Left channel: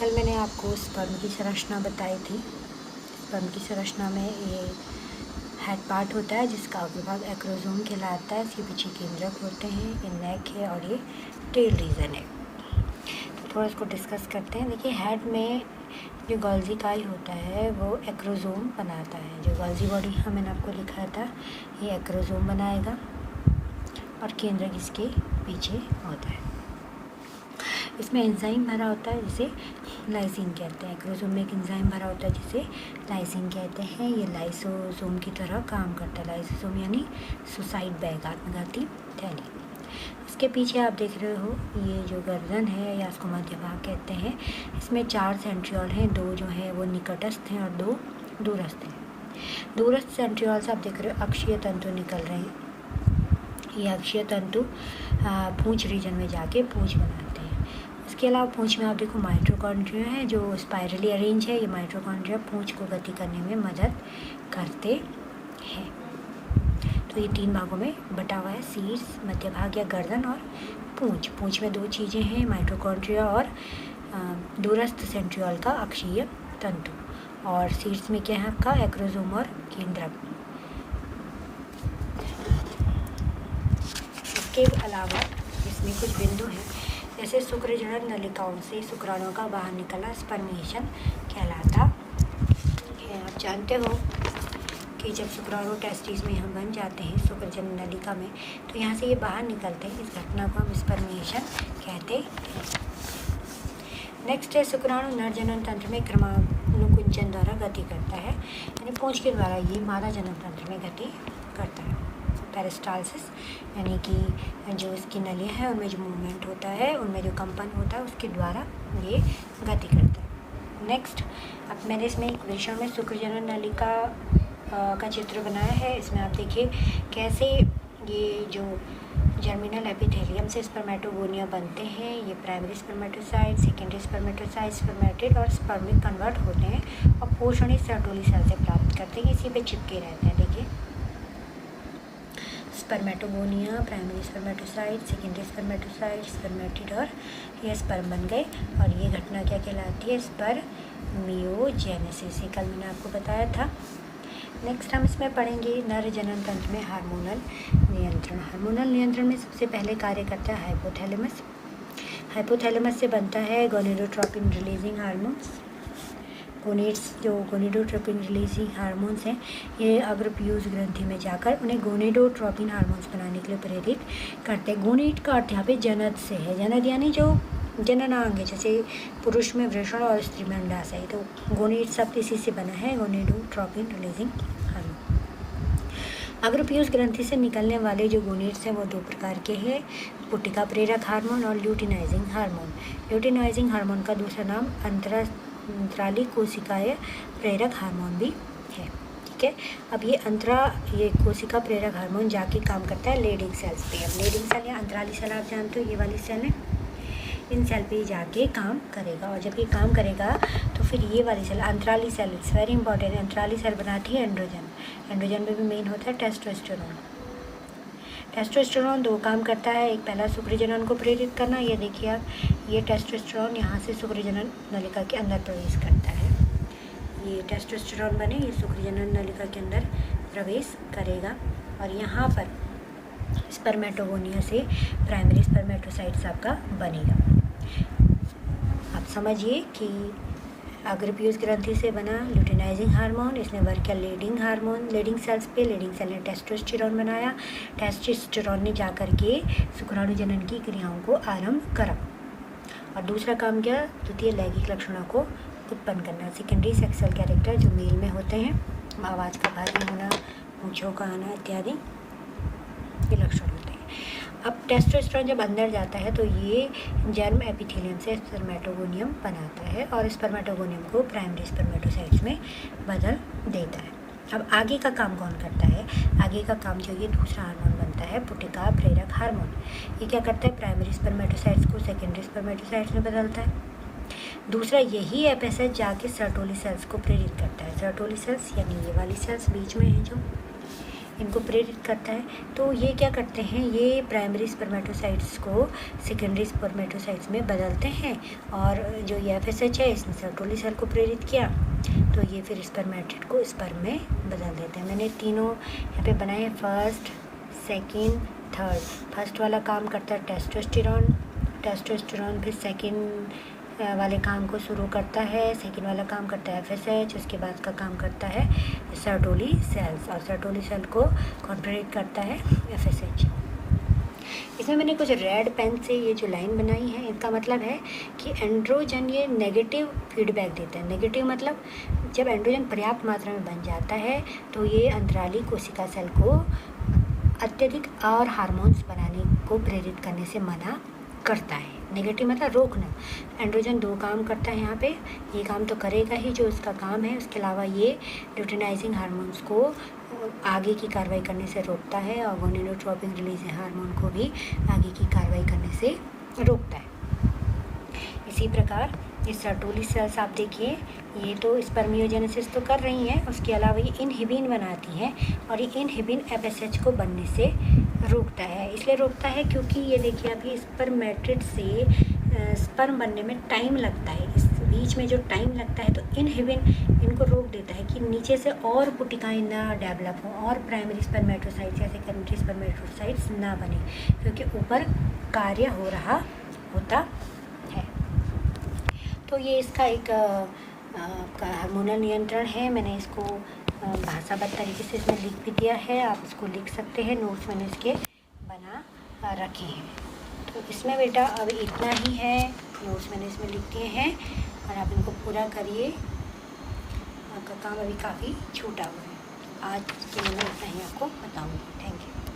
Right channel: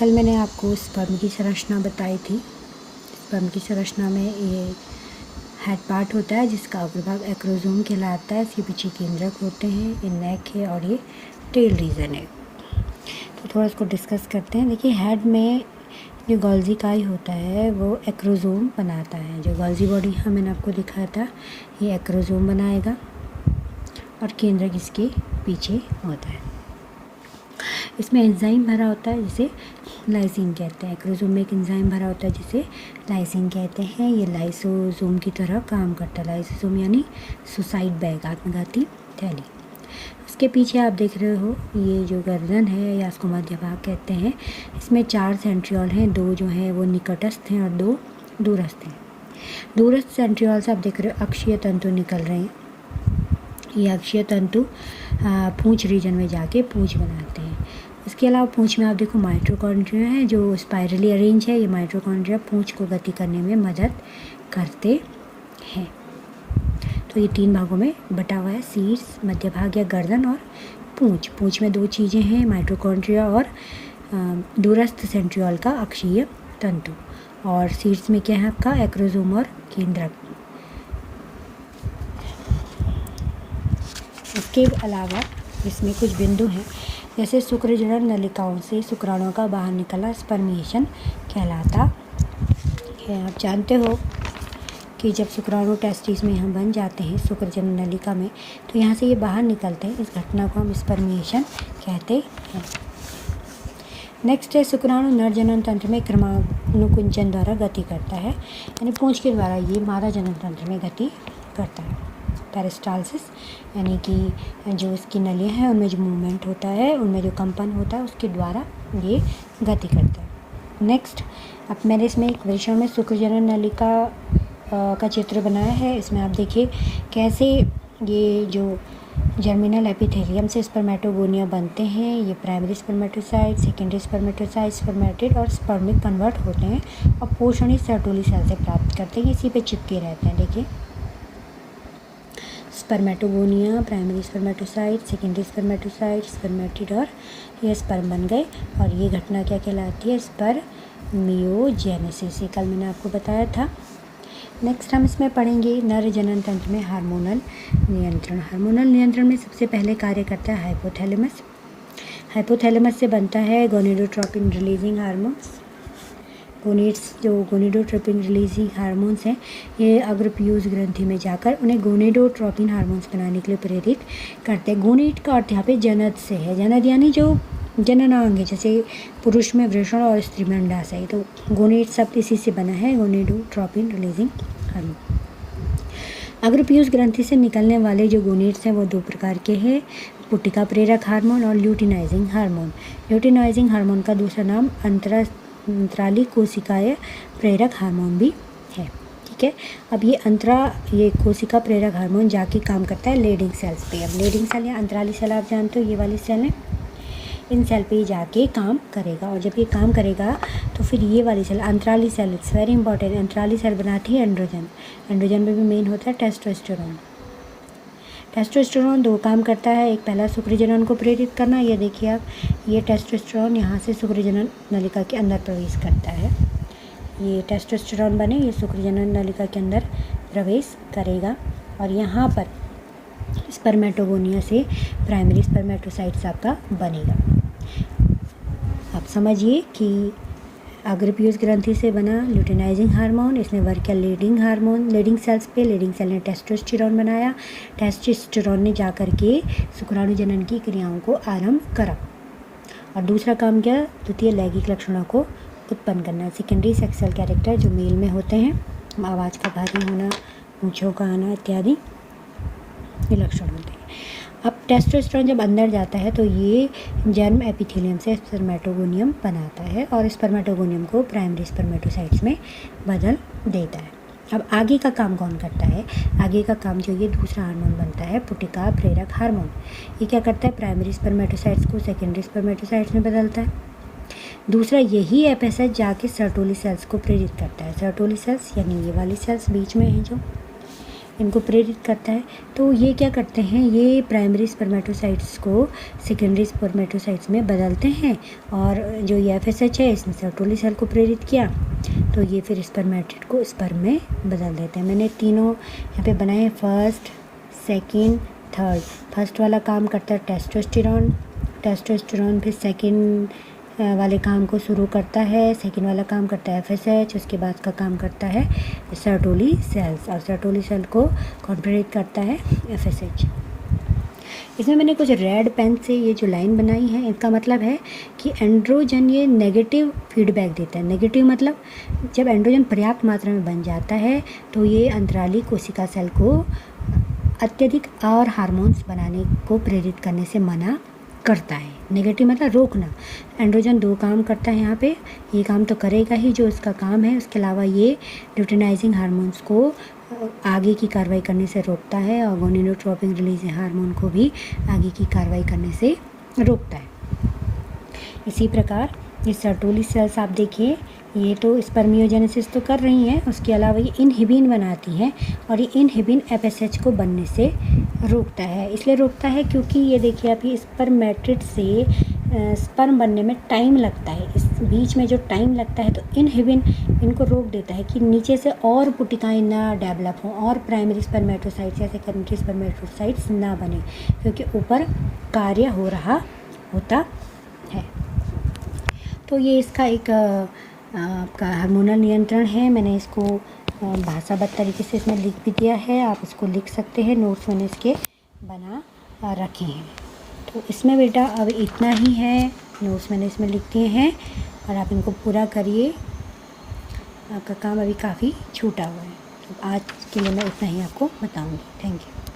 कल मैंने आपको स्पर्म की संरचना बताई थी। स्पर्म की संरचना में ये हेड पार्ट होता है जिसका अग्रभाग एक्रोसोम कहलाता है। इसके पीछे केंद्रक होते हैं, ये नेक है और ये टेल रीजन है। तो थोड़ा इसको डिस्कस करते हैं। देखिए, हेड में जो गोल्जी काई होता है वो एक्रोसोम बनाता है। जो गोल्जी बॉडी मैंने आपको दिखाया था, ये एक्रोसोम बनाएगा और केंद्रक इसके पीछे होता है। इसमें एंजाइम भरा होता है जिसे लाइसिन कहते हैं। एक्रोसोम में एक एंजाइम भरा होता है जिसे लाइसिन कहते हैं। ये लाइसोसोम की तरह काम करता है। लाइसोसोम यानी सुसाइड बैग, आत्मघाती थैली। इसके पीछे आप देख रहे हो ये जो गर्दन है या इसको मध्य भाग कहते हैं। इसमें 4 सेंट्रियोल हैं, 2 जो हैं वो निकटस्थ हैं और 2 दूरस्थ हैं। दूरस्थ सेंट्रियोल से आप देख रहे हो अक्षीय तंतु निकल रहे हैं। ये अक्षीय तंतु पूंछ रीजन में जाके पूंछ बनाते हैं। इसके अलावा पूंछ में आप देखो माइटोकॉन्ड्रिया है जो स्पाइरली अरेंज है। ये माइटोकॉन्ड्रिया पूंछ को गति करने में मदद करते हैं। तो ये 3 भागों में बटा हुआ है, शीर्ष, मध्य भाग या गर्दन और पूंछ। पूंछ में 2 चीज़ें हैं, माइटोकॉन्ड्रिया और दूरस्थ सेंट्रियोल का अक्षीय तंतु। और शीर्ष में क्या है आपका एक्रोसोम और केंद्रक। इसके अलावा इसमें कुछ बिंदु हैं, जैसे शुक्रजनन नलिकाओं से शुक्राणुओं का बाहर निकलना स्पर्मिएशन कहलाता है। आप जानते हो कि जब शुक्राणु टेस्टिस में यहाँ बन जाते हैं शुक्रजनन नलिका में, तो यहाँ से ये बाहर निकलते हैं। इस घटना को हम स्पर्मिएशन कहते हैं। नेक्स्ट है शुक्राणु नर जनन तंत्र में क्रमानुकुंचन द्वारा गति करता है, यानी पूंछ के द्वारा ये मादा जनन तंत्र में गति करता है। पेरिस्टालसिस यानी कि जो इसकी नलियाँ हैं उनमें जो मूवमेंट होता है, उनमें जो कंपन होता है, उसके द्वारा ये गति करता है। नेक्स्ट, अब मैंने इसमें एक विषय में शुक्रजनन नलिका का चित्र बनाया है। इसमें आप देखिए कैसे ये जो जर्मिनल एपिथेलियम से स्पर्मेटोगोनिया बनते हैं। ये primary spermatocyte, secondary spermatocyte, spermatid और स्पर्मिक कन्वर्ट होते हैं और पोषण इस सर्टोली सेल से प्राप्त करते हैं। इसी पे चिपके रहते हैं। देखिए, spermatogonia, primary spermatocyte, secondary spermatocyte, spermatid और ये स्पर्म बन गए। और ये घटना क्या कहलाती है? स्पर्मियोजेनेसिस। कल मैंने आपको बताया था। नेक्स्ट हम इसमें पढ़ेंगे नर जनन तंत्र में हार्मोनल नियंत्रण। हार्मोनल नियंत्रण में सबसे पहले कार्य करता है हाइपोथैलेमस। हाइपोथैलेमस से बनता है गोनेडोट्रोपिन रिलीजिंग हार्मोन्स। जो गोनेडोट्रोपिन रिलीजिंग हार्मोन्स हैं, ये अग्रपीयूष ग्रंथि में जाकर उन्हें गोनेडोट्रोपिन हार्मोन्स बनाने के लिए प्रेरित करते हैं। गोनेड का अर्थ यहाँ पे जनद से है। जनद यानी जो जननांग है, जैसे पुरुष में वृषण और स्त्री में अंडाशय है, तो गोनेड शब्द इसी से बना है, गोनेडोट्रोपिन रिलीजिंग हार्मोन। अग्रपीयूष ग्रंथि से निकलने वाले जो गोनेड्स हैं वो 2 प्रकार के हैं, पुटिका प्रेरक हार्मोन और ल्यूटिनाइजिंग हार्मोन। ल्यूटिनाइजिंग हार्मोन का दूसरा नाम अंतराली कोशिकाएं प्रेरक हार्मोन भी है। ठीक है, अब ये कोशिका प्रेरक हार्मोन जाके काम करता है लेडिंग सेल्स पे। अब लेडिंग सेल या अंतराली सेल आप जानते हो, ये वाली सेल है, इन सेल पे जाके काम करेगा। और जब ये काम करेगा तो फिर ये वाली सेल अंतराली सेल, इट्स वेरी इंपॉर्टेंट, अंतराली सेल बनाती है एंड्रोजन। एंड्रोजन में भी मेन होता है टेस्टोस्टेरोन। टेस्टोस्टेरोन 2 काम करता है। एक, पहला शुक्रजनन को प्रेरित करना। ये देखिए आप, ये टेस्टोस्टेरोन यहाँ से शुक्रजनन नलिका के अंदर प्रवेश करता है। ये टेस्टोस्टेरोन बने, ये शुक्रजनन नलिका के अंदर प्रवेश करेगा और यहाँ पर स्पर्मेटोगोनिया से प्राइमरी स्पर्मेटोसाइट्स आपका बनेगा। आप समझिए कि अग्रपीयूष ग्रंथि से बना ल्यूटिनाइजिंग हार्मोन, इसने वर्क किया लीडिंग हार्मोन, लीडिंग सेल्स पे। लीडिंग सेल ने टेस्टोस्टेरोन बनाया। टेस्टोस्टेरोन ने जाकर के शुक्राणु जनन की क्रियाओं को आरंभ करा। और दूसरा काम क्या? द्वितीय लैंगिक लक्षणों को उत्पन्न करना। सेकेंडरी सेक्सुअल कैरेक्टर जो मेल में होते हैं, आवाज़ का भारी होना, मूंछों का आना इत्यादि, ये लक्षण होते हैं। अब टेस्टोस्टेरोन जब अंदर जाता है तो ये जर्म एपिथेलियम से स्पर्मेटोगोनियम बनाता है और स्पर्मेटोगोनियम को प्राइमरी स्पर्मेटोसाइट्स में बदल देता है। अब आगे का काम कौन करता है? आगे का काम जो ये दूसरा हार्मोन बनता है, पुटिका प्रेरक हार्मोन। ये क्या करता है? प्राइमरी स्पर्मेटोसाइट्स को सेकेंडरी स्पर्मेटोसाइट्स में बदलता है। दूसरा, यही एफएसएच जाके सर्टोली सेल्स को प्रेरित करता है। सर्टोली सेल्स यानी ये वाली सेल्स बीच में है जो, इनको प्रेरित करता है। तो ये क्या करते हैं, ये प्राइमरी स्पर्मेटोसाइट्स को सेकेंडरी स्पर्मेटोसाइट्स में बदलते हैं, और जो ये FSH है इसने सर्टोली सेल को प्रेरित किया, तो ये फिर स्पर्मेटिड को स्पर्म में बदल देते हैं। मैंने तीनों यहाँ पे बनाए, फर्स्ट, सेकंड, थर्ड। फर्स्ट वाला काम करता है टेस्टोस्टेरोन फिर सेकंड वाले काम को शुरू करता है, सेकंड वाला काम करता है FSH, उसके बाद का काम करता है सर्टोली सेल्स, और सर्टोली सेल को कॉन्ट्रैक्ट करता है FSH। इसमें मैंने कुछ रेड पेन से ये जो लाइन बनाई है, इसका मतलब है कि एंड्रोजन ये नेगेटिव फीडबैक देता है। नेगेटिव मतलब जब एंड्रोजन पर्याप्त मात्रा में बन जाता है तो ये अंतराली कोशिका सेल को अत्यधिक और हार्मोन्स बनाने को प्रेरित करने से मना करता है। नेगेटिव मतलब रोकना। एंड्रोजन 2 काम करता है यहाँ पे, ये काम तो करेगा ही जो इसका काम है, उसके अलावा ये ल्यूटिनाइजिंग हार्मोन्स को आगे की कार्रवाई करने से रोकता है, और गोनिडोट्रोपिन रिलीजिंग हार्मोन को भी आगे की कार्रवाई करने से रोकता है। इसी प्रकार ये सर्टोली सेल्स आप देखिए, ये तो स्पर्मियोजेनेसिस तो कर रही हैं, उसके अलावा ये इनहिबिन बनाती हैं, और ये इनहिबिन FSH को बनने से रोकता है। इसलिए रोकता है क्योंकि ये देखिए आप, ये स्पर्मेटिड से स्पर्म बनने में टाइम लगता है, इस बीच में जो टाइम लगता है तो इनहिबिन इनको रोक देता है कि नीचे से और पुटिकाएँ ना डेवलप हों, और प्राइमरी स्पर्मेटोसाइट्स या सेकेंडरी स्पर्मेटोसाइट्स ना बने, क्योंकि ऊपर कार्य हो रहा होता है। तो ये इसका एक आपका हार्मोनल नियंत्रण है। मैंने इसको भाषाबद्ध तरीके से इसमें लिख भी दिया है, आप इसको लिख सकते हैं, नोट्स मैंने इसके बना रखे हैं। तो इसमें बेटा अब इतना ही है, नोट्स मैंने इसमें लिख दिए हैं, और आप इनको पूरा करिए, आपका काम अभी काफ़ी छूटा हुआ है। तो आज के लिए मैं इतना ही आपको बताऊँगी। Thank you.